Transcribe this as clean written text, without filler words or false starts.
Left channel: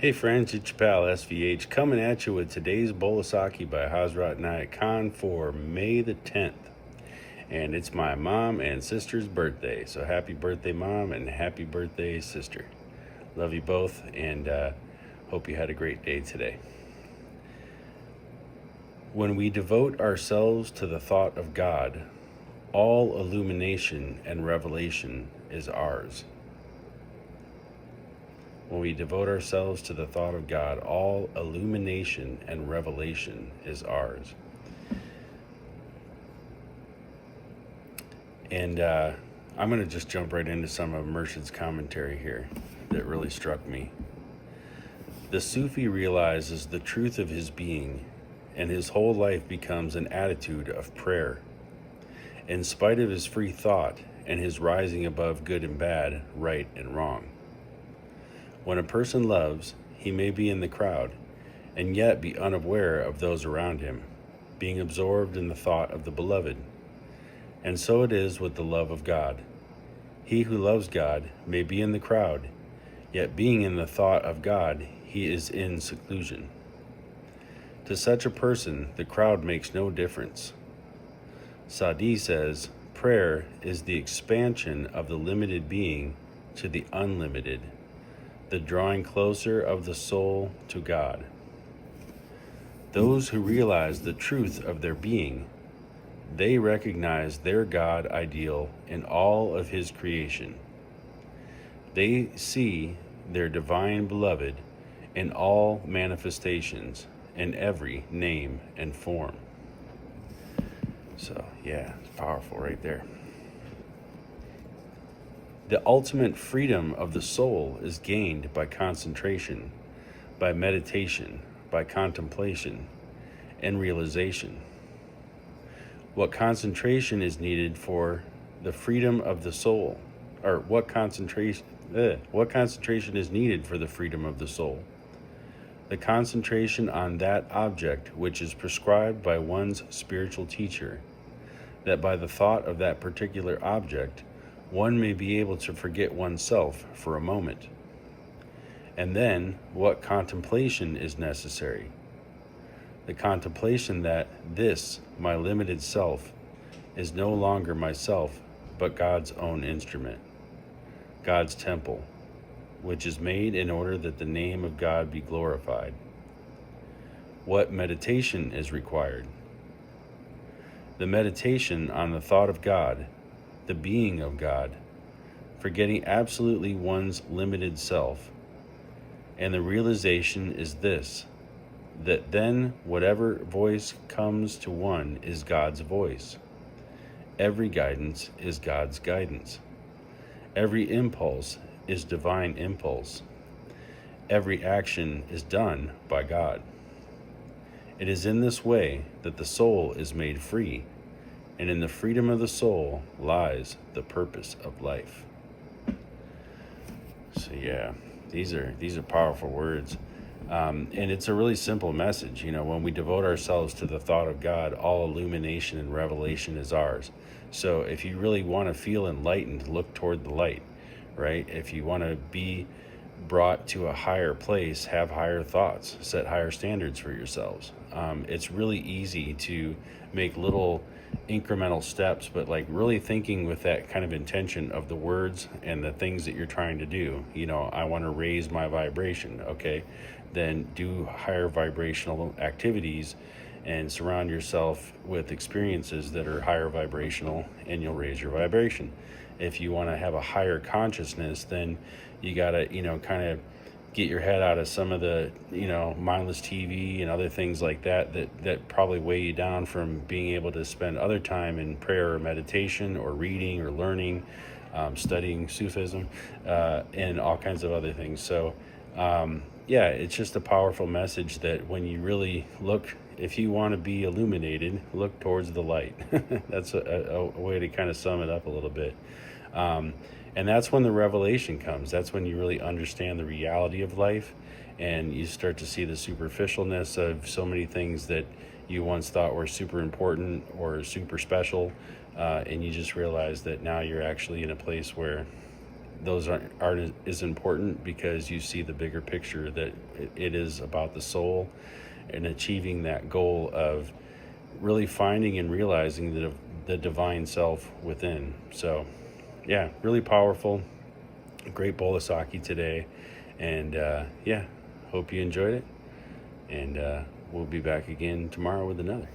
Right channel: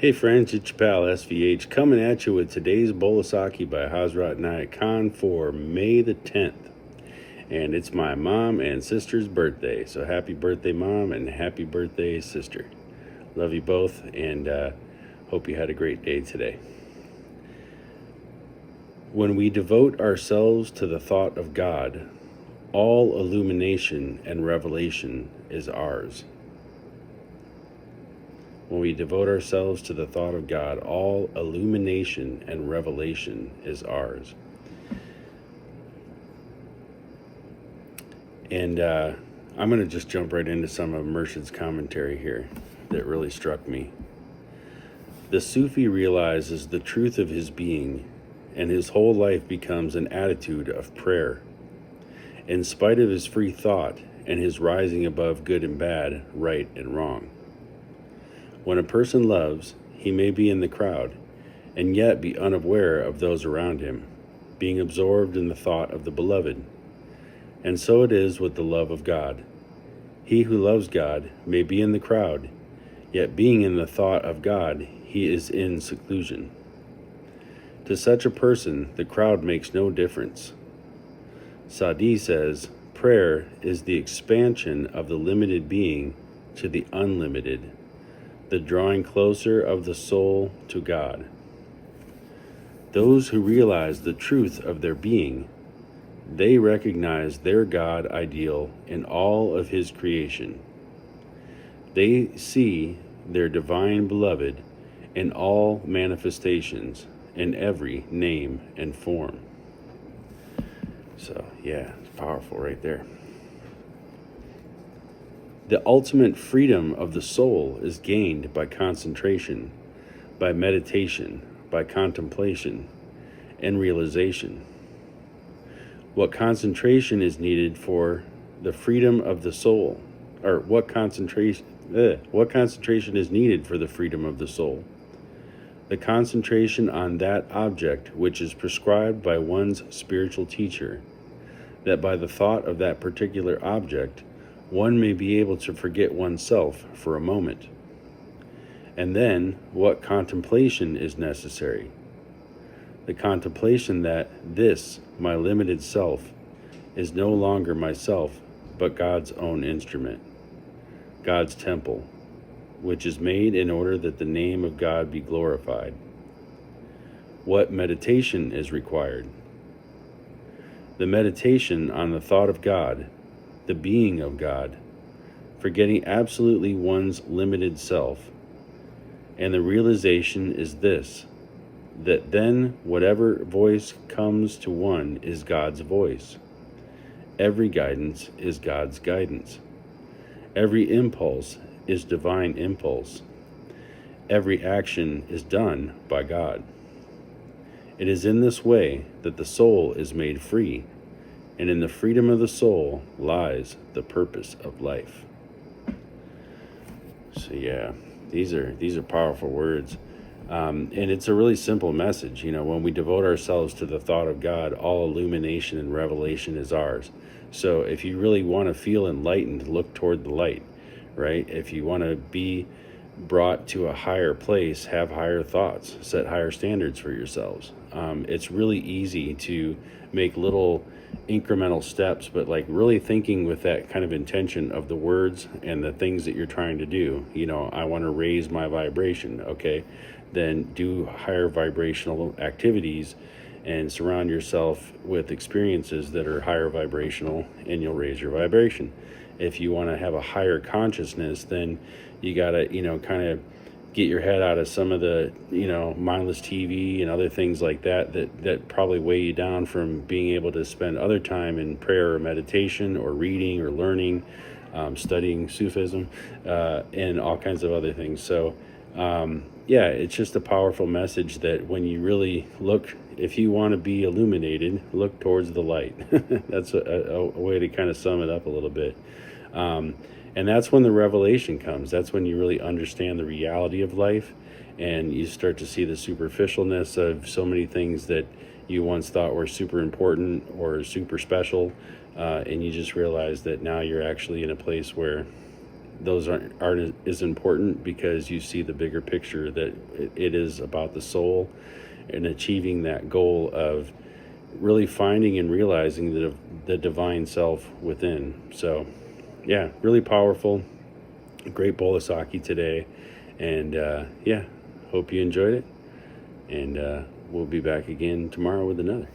Hey friends, it's your pal SVH coming at you with today's bowl of Saki by Hazrat Nayat Khan for May the 10th. And it's my mom and sister's birthday, so happy birthday mom and happy birthday sister. Love you both and hope you had a great day today. When we devote ourselves to the thought of God, all illumination and revelation is ours. When we devote ourselves to the thought of God, all illumination and revelation is ours. And I'm going to just jump right into some of Murshid's commentary here that really struck me. The Sufi realizes the truth of his being, and his whole life becomes an attitude of prayer. In spite of his free thought and his rising above good and bad, right and wrong. When a person loves, he may be in the crowd, and yet be unaware of those around him, being absorbed in the thought of the beloved. And so it is with the love of God. He who loves God may be in the crowd, yet being in the thought of God, he is in seclusion. To such a person, the crowd makes no difference. Sadi says, prayer is the expansion of the limited being to the unlimited, the drawing closer of the soul to God. Those who realize the truth of their being, they recognize their God ideal in all of his creation. They see their divine beloved in all manifestations, in every name and form. So, yeah, it's powerful right there. The ultimate freedom of the soul is gained by concentration, by meditation, by contemplation, and realization. What concentration is needed for the freedom of the soul, or what concentration is needed for the freedom of the soul? The concentration on that object which is prescribed by one's spiritual teacher, that by the thought of that particular object, one may be able to forget oneself for a moment. And then, what contemplation is necessary? The contemplation that this, my limited self, is no longer myself, but God's own instrument, God's temple, which is made in order that the name of God be glorified. What meditation is required? The meditation on the thought of God, the being of God, forgetting absolutely one's limited self. And the realization is this, that then whatever voice comes to one is God's voice. Every guidance is God's guidance. Every impulse is divine impulse. Every action is done by God. It is in this way that the soul is made free, and in the freedom of the soul lies the purpose of life. So yeah, these are powerful words. And it's a really simple message. You know, when we devote ourselves to the thought of God, all illumination and revelation is ours. So if you really want to feel enlightened, look toward the light, right? If you want to be brought to a higher place, have higher thoughts, set higher standards for yourselves. It's really easy to make little incremental steps, but like really thinking with that kind of intention of the words and the things that you're trying to do. You know, I want to raise my vibration. Okay, then do higher vibrational activities and surround yourself with experiences that are higher vibrational, and you'll raise your vibration. If you want to have a higher consciousness, then you got to, you know, kind of get your head out of some of the, you know, mindless TV and other things like that probably weigh you down from being able to spend other time in prayer or meditation or reading or learning, studying Sufism, and all kinds of other things. So, yeah, it's just a powerful message that when you really look, if you want to be illuminated, look towards the light. That's a way to kind of sum it up a little bit. And that's when the revelation comes. That's when you really understand the reality of life, and you start to see the superficialness of so many things that you once thought were super important or super special, and you just realize that now you're actually in a place where those aren't as important, because you see the bigger picture, that it is about the soul and achieving that goal of really finding and realizing the divine self within. So yeah, really powerful. Great bowl of sake today. And yeah, hope you enjoyed it. And we'll be back again tomorrow with another.